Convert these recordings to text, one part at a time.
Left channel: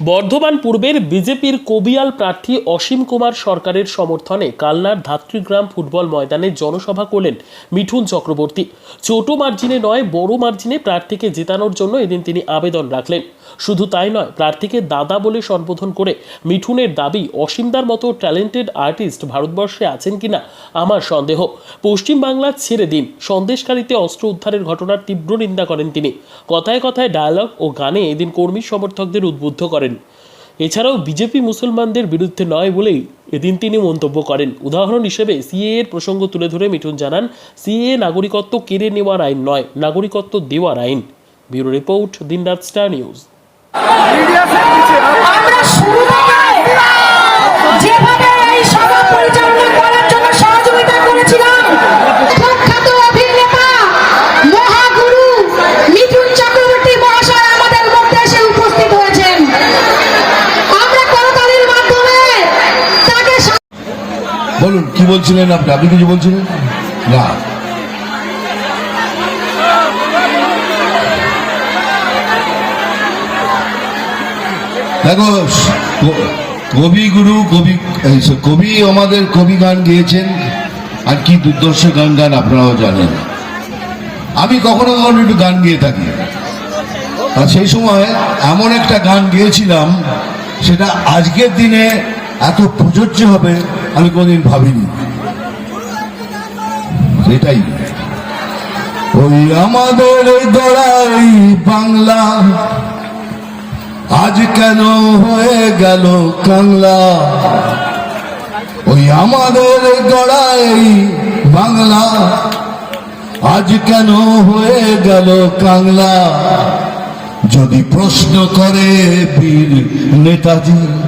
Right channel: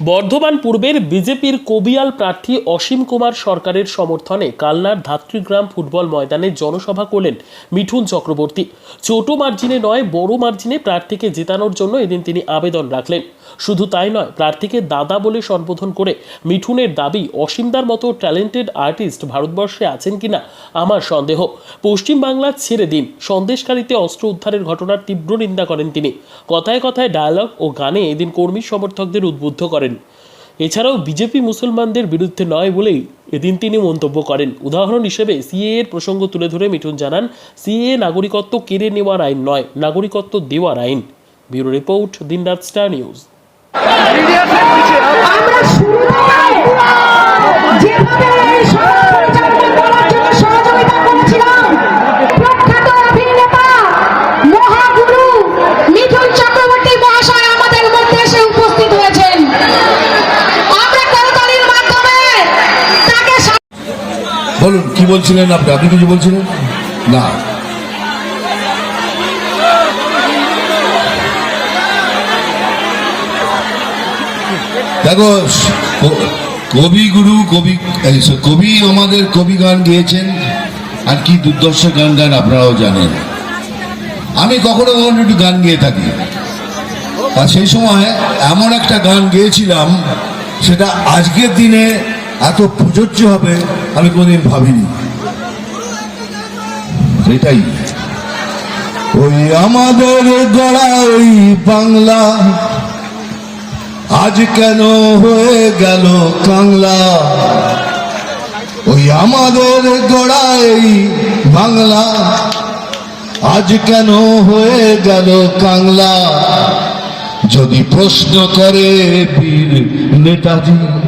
বর্ধমান পূর্বের বিজেপির কবিয়াল প্রার্থী অসীম কুমার সরকারের সমর্থনে কালনার ধাত্রীগ্রাম ফুটবল ময়দানে জনসভা করলেন মিঠুন চক্রবর্তী। ছোট মার্জিনে নয়, বড় মার্জিনে প্রার্থীকে জেতানোর জন্য এদিন তিনি আবেদন রাখলেন। শুধু তাই নয়, প্রার্থীকে দাদা বলে সম্বোধন করে মিঠুনের দাবি, অসীমদার মতো ট্যালেন্টেড আর্টিস্ট ভারতবর্ষে আছেন কিনা, আমার সন্দেহ। পশ্চিমবাংলা ছেড়ে দিন সন্দেশকারীতে অস্ত্র উদ্ধারের ঘটনার তীব্র নিন্দা করেন তিনি। কথায় কথায় ডায়ালগ ও গানে এদিন কর্মী সমর্থকদের উদ্বুদ্ধ করেন। এছাড়াও বিজেপি মুসলমানদের বিরুদ্ধে নয় বলেই এদিন তিনি মন্তব্য করেন। উদাহরণ হিসেবে সিএ এর প্রসঙ্গ তুলে ধরে মিঠুন জানান সিএ নাগরিকত্ব কেড়ে নেওয়ার আইন নয়, নাগরিকত্ব দেওয়ার আইন। ব্যুরো রিপোর্ট দিনরাত স্টার নিউজ। আমরা শুরু কি বলছিলেন আপনি? আপনি কিছু বলছিলেন? না। দেখো কবিগুরু কবি কবি আমাদের কবি গান গেয়েছেন, আর কি দুর্দর্শ গান গান আপনারাও জানেন। আমি কখনো কখনো একটু গান গেয়ে থাকি। আর সেই সময় এমন একটা গান গেয়েছিলাম, সেটা আজকের দিনে এত প্রযোজ্য হবে আমি কোনোদিন ভাবিনি। এটাই। ওই আমাদের গড়াই বাংলা, আজ কেন হয়ে গেল কাংলা? ওই আমাদের গড়াই বাংলা, আজ কেন হয়ে গেল কাংলা? যদি প্রশ্ন করে বীর নেতাজি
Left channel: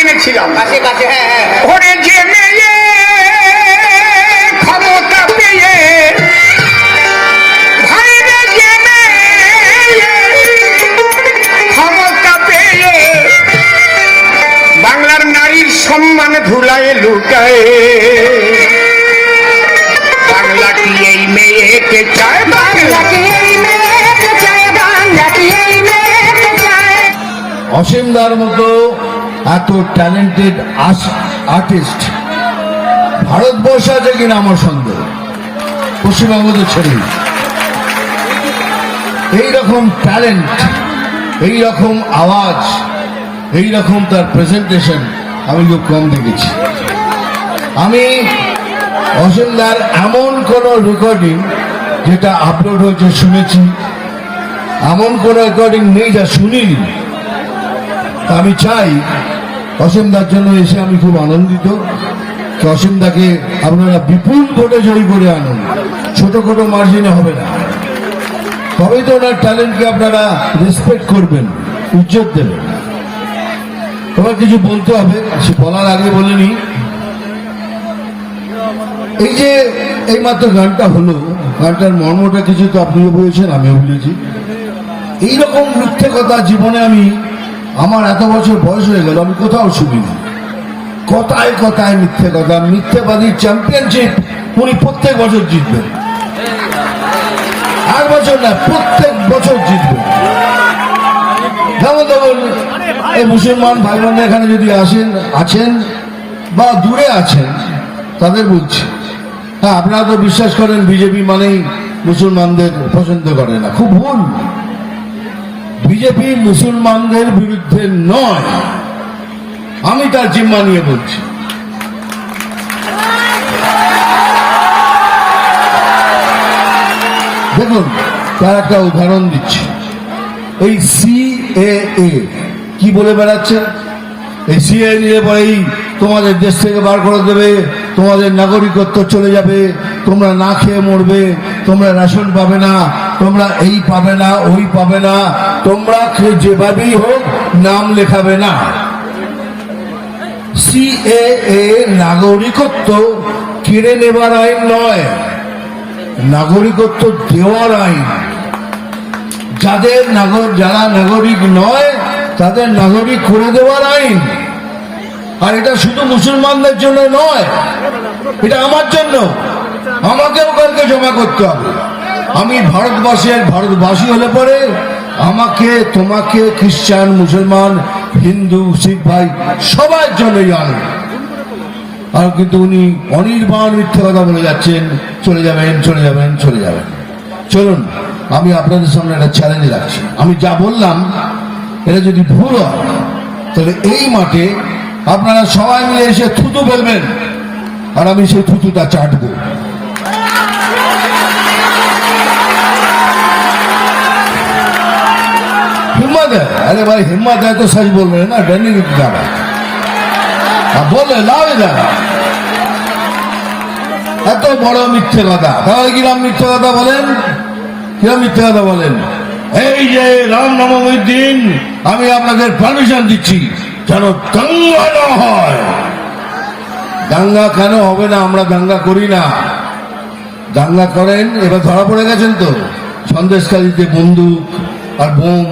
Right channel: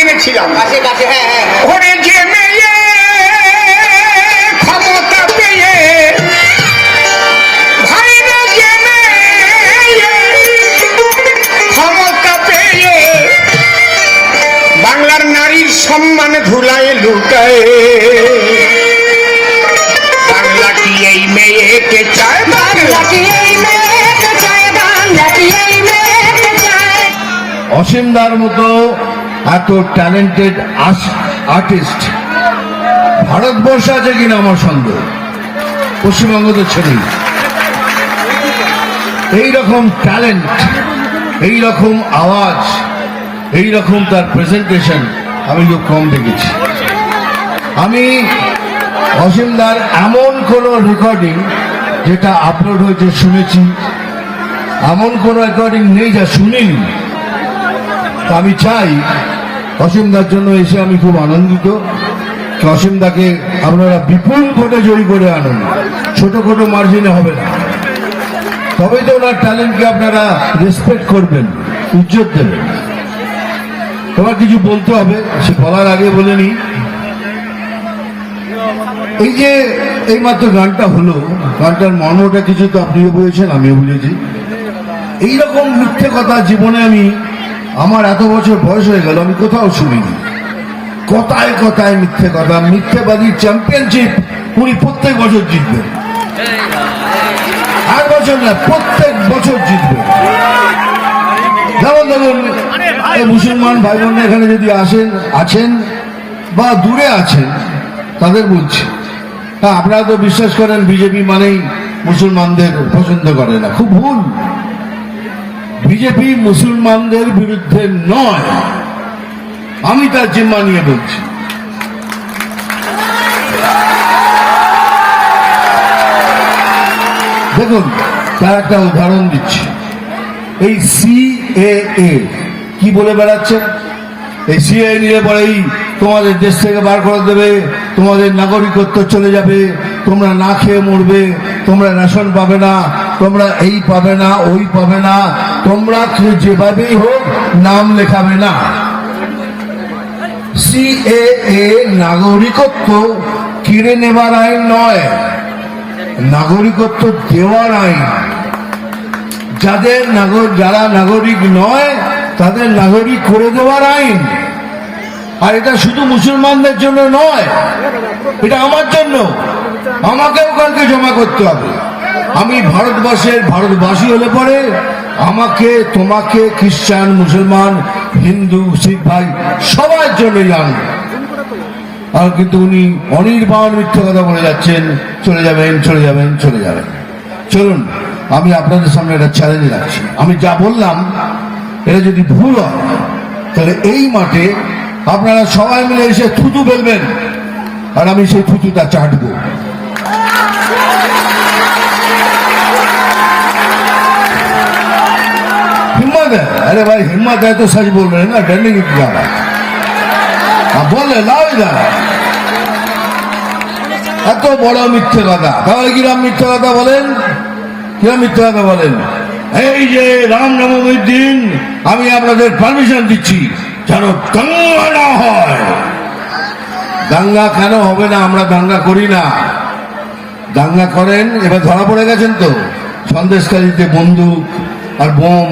এনেছিলাম। কাছে কাছে হ্যাঁ হ্যাঁ। অসীমদার মতো এত ট্যালেন্টেড আর্টিস্ট ভারতবর্ষে আছে কিনা আমার সন্দেহ? পশ্চিমবঙ্গতে ছড়িয়ে এইরকম ট্যালেন্ট এইরকম আওয়াজ, এইরকম তার প্রেজেন্টেশন আমি খুব কম দেখেছি। আমি অসীমদার এমন কোন রেকর্ডিং যেটা আপলোড হয়েছে শুনেছি, এমন কোন রেকর্ডিং নেই যা শুনিনি। আমি চাই। অসীমদার জন্য এসে আমি খুব আনন্দিত। অসীমদাকে আপনারা বিপুল ভোটে জয়ী করে আনুন। ছোটখাটো মার্জিনে হবে না। তবে তো ওনার ট্যালেন্টকে আপনারা রেসপেক্ট করবেন, ইজ্জত দেবেন। তোমার কিছু বলতে হবে? সে বলার আগে বলে নি এই যে এই মাত্র গানটা হলো, গানটার মর্মটা কিছু তো আপনিও বলেছেন, আমিও বুঝেছি এইরকম মিথ্যে কথা জীবনে আমি আমার এত বছর বয়স হয়ে গেল, আমি কোথাও শুনিনি। কথায় কথায় মিথ্যে কথা, মিথ্যেবাদী চ্যাম্পিয়নশিপ উনি প্রত্যেক বছর জিতবেন আর বছর না, প্রত্যেক বছর জিতবেন মুসলমান ভাই বোন এখানে যদি আসেন, আছেন বা দূরে আছেন, তাদের বলছি। হ্যাঁ আপনারা তো বিশ্বাস করেন, বিজেপি মানেই মুসলমানদের পছন্দ করে না। খুব ভুল। বিজেপি মুসলমানদের বিরুদ্ধে নয়। আমি তার জিম্মা নিয়ে বলছি। দেখুন, তার একটা উদাহরণ দিচ্ছি। এই সিএএ কি বলে বেড়াচ্ছে? এই সিএ নিলে পরেই তোমাদের দেশ থেকে বার করে দেবে, তোমাদের নাগরিকত্ব চলে যাবে, তোমরা না খেয়ে মরবে তোমরা রেশন পাবে না, তোমরা এই পাবে না, ওই পাবে না, তোমরা কেউ যেভাবেই হোক নাম লেখাবে না। সিএএ নাগরিকত্ব কিনে নেবার আইন নয়, নাগরিকত্ব দেওয়ার আইন। যাদের নাগর যারা নাগরিক নয়, তাদের নাগরিক করে দেওয়ার আইন। আর এটা শুধু মুসলমানদের জন্য নয়, এটা আমার জন্য। আমাকেও কালকে জমা করতে হবে। আমি ভারতবর্ষের ভারতবাসী হলে পরে আমাকে, তোমাকে, খ্রিস্টান, মুসলমান, হিন্দু, শিখ ভাই সবার জন্যই আনবে। আর কিন্তু উনি অনির্বাণ মিথ্যে কথা বলে যাচ্ছেন, চলে যাবেন চলে যাবেন চলে যাবেন। চলুন, আমি আপনাদের সামনে একটা চ্যালেঞ্জ রাখছি। আমি যা বললাম, এটা যদি ভুল হয়, তাহলে এই মাঠে আপনারা সবাই মিলে এসে থুতু ফেলবেন। আর আমি সেই থুতুটা চাটবো। हिम्मत है अरे भाई हिम्मत है तो सच बोल रहे हैं ना डरने की क्या बात अब बोले लाओ इधर এত বড় মিথ্যে কথা তাহলে কিরাম মিথ্যে কথা বলেন কিরাম মিথ্যে কথা বলেন এই যে রাম নবমীর দিন আমি আপনাদের পারমিশন দিচ্ছি যেন দাঙ্গা না হয় দাঙ্গা কেন হবে না আমরা দাঙ্গা করি না দাঙ্গা করেন এবার ধরা পড়ে গেছেন তো সন্দেশকারীতে বন্দুক আর বোম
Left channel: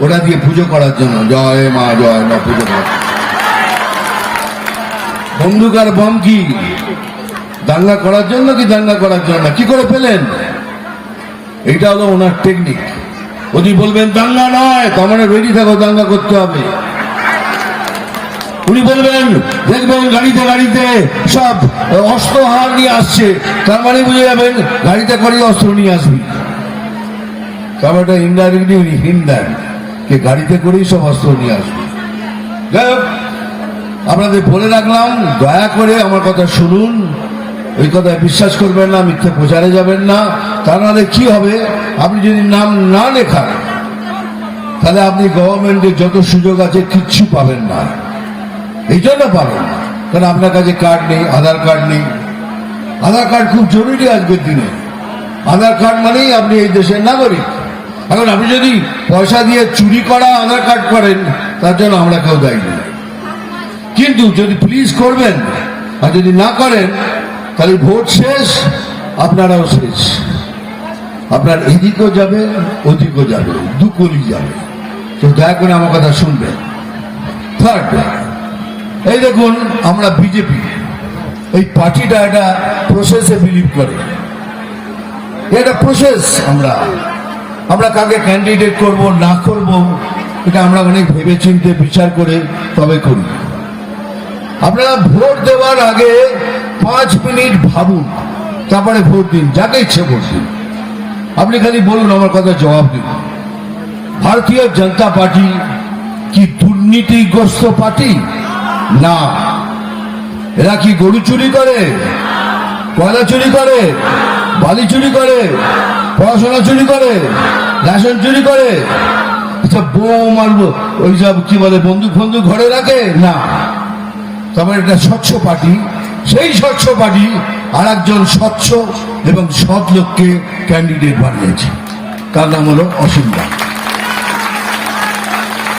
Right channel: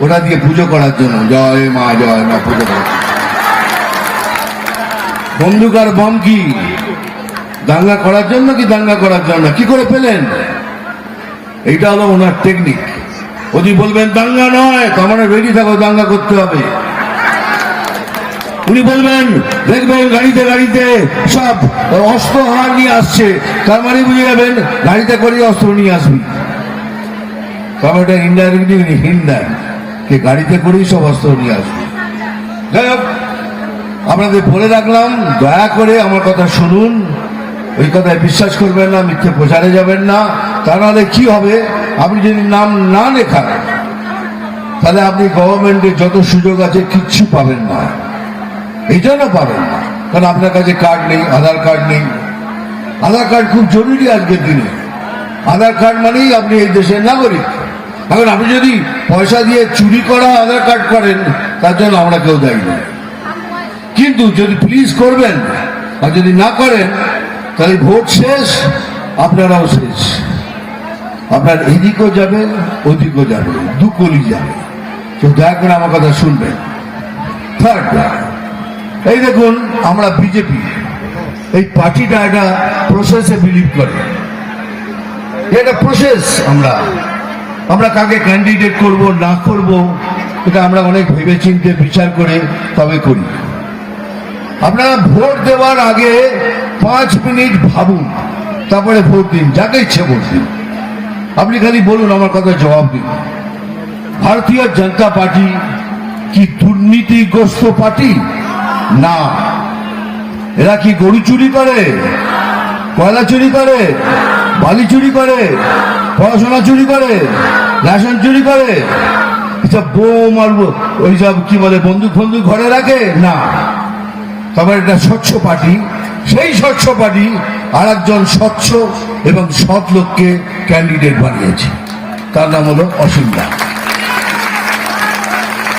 ওটা দিয়ে পুজো করার জন্য। জয় মা জয় মা, পুজো করার। বন্দুক আর বম কি? দাঙ্গা করার জন্য কি দাঙ্গা করার জন্য? কি করে পেলেন? এইটা হলো ওনার টেকনিক যদি বলবেন, দাঙ্গা নয়, তার মানে রেডি থাকো, দাঙ্গা করতে হবে। উনি বলবেন দেখবেন গাড়িতে গাড়িতে সব অস্ত্র হার নিয়ে আসছে। তার মানে বুঝে যাবেন গাড়িতে করে অস্ত্র নিয়ে আসবি। তবে ওটা ইনডাইরেক্টলি উনি হিন যে গাড়িতে করেই সব অস্ত্র নিয়ে আসবে। যাই হোক, আপনাদের বলে রাখলাম দয়া করে আমার কথা শুনুন। ওই কথায় বিশ্বাস করবেন না মিথ্যে প্রচারে যাবেন না। তা নাহলে কি হবে? আপনি যদি নাম না লেখান তাহলে আপনি গভর্নমেন্টের যত সুযোগ আছে কিচ্ছু পাবেন না। এই জন্য পাবেন না। কারণ আপনার কাছে কার্ড নেই আধার কার্ড নেই। আধার কার্ড খুব জরুরি আজকের দিনে। আধার কার্ড মানেই আপনি এই দেশের নাগরিক। এখন আপনি যদি পয়সা দিয়ে চুরি করা, আধার কার্ড করেন, তার জন্য আমরা কেউ দায়ী নেই। কিন্তু যদি প্লিজ করবেন আর যদি না করেন, তাহলে ভোট শেষ, আপনারাও শেষ। আপনার এদিকেও যাবে, ওদিকেও যাবে দুকলি যাবে। তো দয়া করে আমার কথা শুনবেন। থার্ড এই দেখুন, আমরা বিজেপি এই পার্টিটা একটা প্রসেসে বিলিভ করে। এটা প্রসেস আমরা। আমরা কাকে ক্যান্ডিডেট করব, না করব, এটা আমরা অনেক ভেবে চিন্তে বিচার করে তবে করি। আপনারা ভোট দেওয়ার আগে পাঁচ মিনিট ভাবুন, তারপরে ভোট দিন, যাকে ইচ্ছে ভোট দিন। আপনি খালি বলুন আমার কথা জবাব দিন। ভারতীয় জনতা পার্টি কি দুর্নীতিগ্রস্ত পার্টি? না। এরা কি গরু চুরি করে? কয়লা চুরি করে? বালি চুরি করে, পড়াশোনা চুরি করে, রেশন চুরি করে। আচ্ছা বউ আর ওই সব কি বলে, বন্দুক ফন্দুক ঘরে রাখে? না। তবে এটা স্বচ্ছ পার্টি। সেই স্বচ্ছ পার্টি আর একজন স্বচ্ছ এবং সৎ লোককে ক্যান্ডিডেট বানিয়েছে। তার নাম হলো অসীম